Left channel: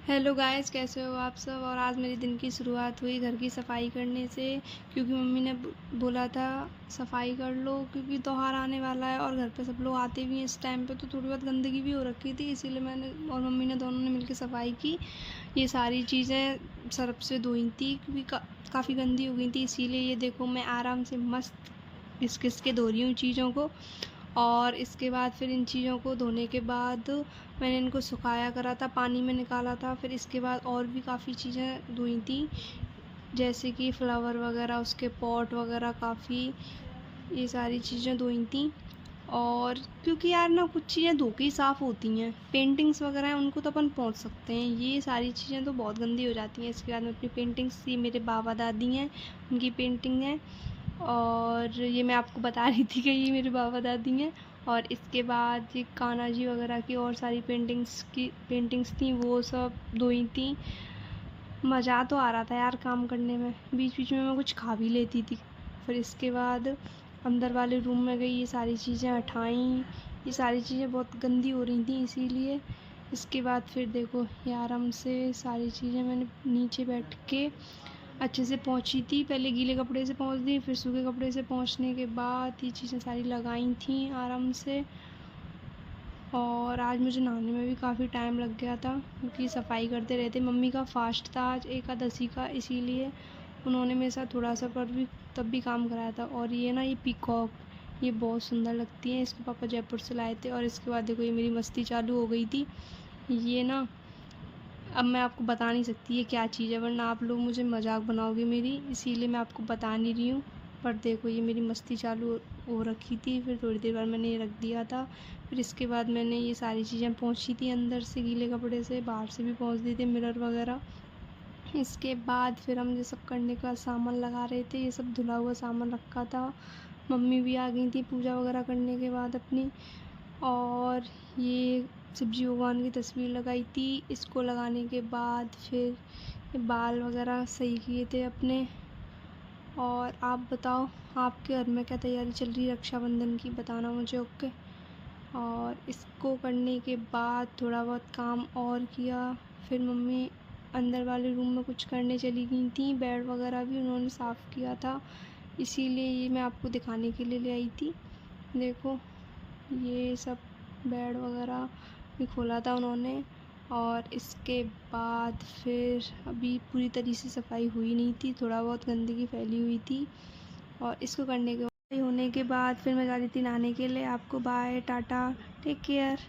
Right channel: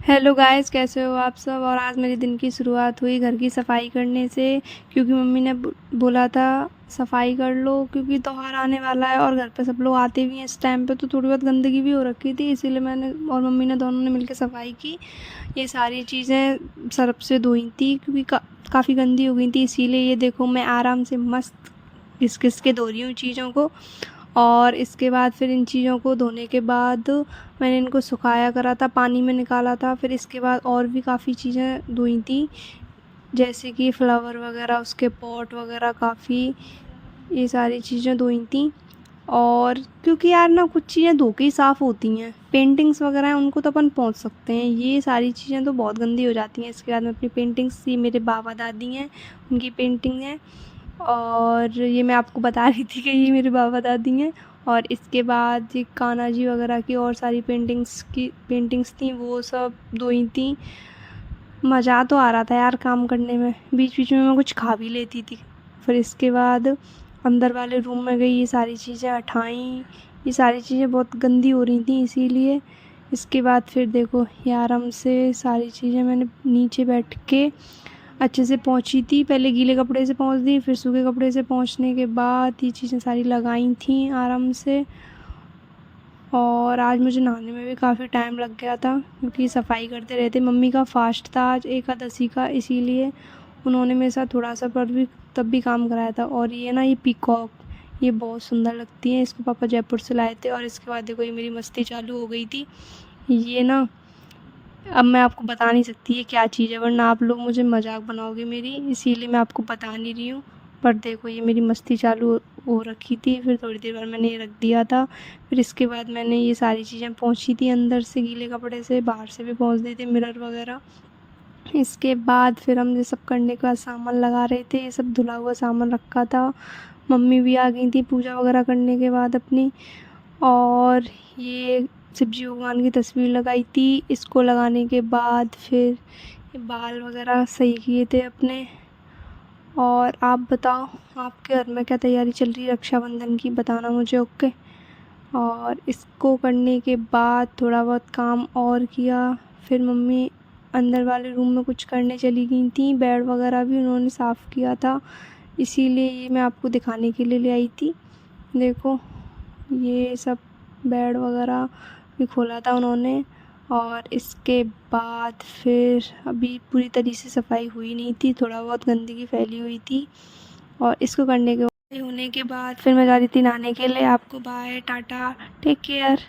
Hello guys, कैसे हो आप सब। और आज मेरे दिन की शुरुआत हुई घर की सफाई करने से, क्योंकि मम्मी ने बोला था सफाई कर लो, क्योंकि त्योहार आने वाला है और घर पे सब लोग आते भी हैं इस टाइम पे, तो थोड़ी बहुत गंदगी भी हो रखी थी। इसीलिए मैंने और मम्मी ने दोनों ने मिलकर सफाई की। ये सारी चीज़ें सर्फ से धोई थी, क्योंकि काफ़ी गंदी हो गई थी। इसीलिए ये देखो, मैं आराम से मस्त घिस घिस के धो रही हूँ चीज़ों को। और इसके बाद फिर इन चीज़ों को धोने के बाद मैंने इनको सुखाया करा था, पानी में निकाला था। फिर इसके बाद और भी काफ़ी चीज़ें धोई थी, जैसे कि फ्लावर वगैरह, उसके पॉट वगैरह काफ़ी, ये सारी चीज़ें धोई थी। और क्योंकि यार ना, कुछ चीज़ें धो के ही साफ़ होती हैं। पेंटिंग्स वगैरह हैं उनको तो अपन पोंछ सकते हैं, ये सारी चीज़ें तो बहुत गंदी हो जाती हैं। इसके बाद मैं अपनी पेंटिंग्स, ये मेरे बाबा दादी हैं, उनकी पेंटिंग है। और ये मैं आपको बता रही थी कि ये मेरे बाबा दादी हैं। और इसके बाद ये कान्हा जी वगैरह की और सारी पेंटिंग्स थी, वो सब धोई थी। मज़ा तो आ रहा था यार काम करने में, बीच बीच में मैं कुछ खा भी लेती थी। फिर इसके बाद अंदर वाले रूम में गई, ये सारी चीज़ें हटाई। ये सारी चीज़ें बहुत गंदी हो रही थी, इसीलिए। इसके बाद फिर देखो, ये आराम से सारी चीज़ें मैंने नीचे बैठ के अच्छे से पोंछी थी। पहले गीले कपड़े से पोंछ दी, फिर सूखे कपड़े से पोंछने के बाद ये चीज़ें सारी लगाई थी आराम से। और आज मुझे नहाने में भी काफ़ी टाइम लग गया था, क्योंकि सफाई करते रहते। मम्मी का फास्ट था आज एकादशी का, इसीलिए उन्होंने मेरे साथ थोड़ा सा पर भी तब भी काम कराया था। और ये ना, ये पीकॉक, ये बहुत सुंदर लगती है, इसको पापा जयपुर से लाए थे। और इसके बाद देखो, ये मेरी मस्ती चालू हो गई थी। ये ना, अब मैं आपको बता नहीं सकती ये क्या चीज़ है, वरना आप लोग मुझे मजाक बनाओगे मेरी, इसीलिए मैं आपको बता नहीं रही हूँ। पर देखो, ये मेरी मस्ती चालू हो रखी थी। फिर थोड़ी देर बाद मैंने ये रख दिया था। फिर इसके बाद मैंने ये सारी चीज़ें पोंछी थी, अंदर से गीले कपड़े से, बाहर से भी पोंछ दी थी, मिरर वगैरह। इसके बाद फिर हम ये सब करने के बाद सामान लगा रहे थे, ये सब धुला हुआ सामान रखा था। मम्मी भी आ गई थी पूजा वगैरह करने के बाद अपनी। और ये शिव जी भगवान की तस्वीर लगाई थी। इसको लगाने के बाद फिर ये बाल वगैरह सही किए थे अपने। और आप बताओ, आपके घर में क्या तैयारी चल रही है रक्षाबंधन की, बताना मुझे, ओके। और इसको करने के बाद थोड़ा बहुत काम और किया। फिर मम्मी अंदर वाले रूम में कुछ करने चली गई थी, बेड वगैरह भी उन्होंने साफ़ किया था, इसीलिए ये मैं आपको दिखाने के लिए ले आई थी। देखो, ये सब बेड वगैरह भी खोला था उन्होंने। और इसके बाद फिर अभी पूरी तरीके से सफाई हुई नहीं थी, थोड़ा बहुत गंदगी फैली हुई थी। और इसको करने के होने के बाद फिर मैं जा रही थी नहाने के लिए। आपको बाय टाटा, टेक केयर।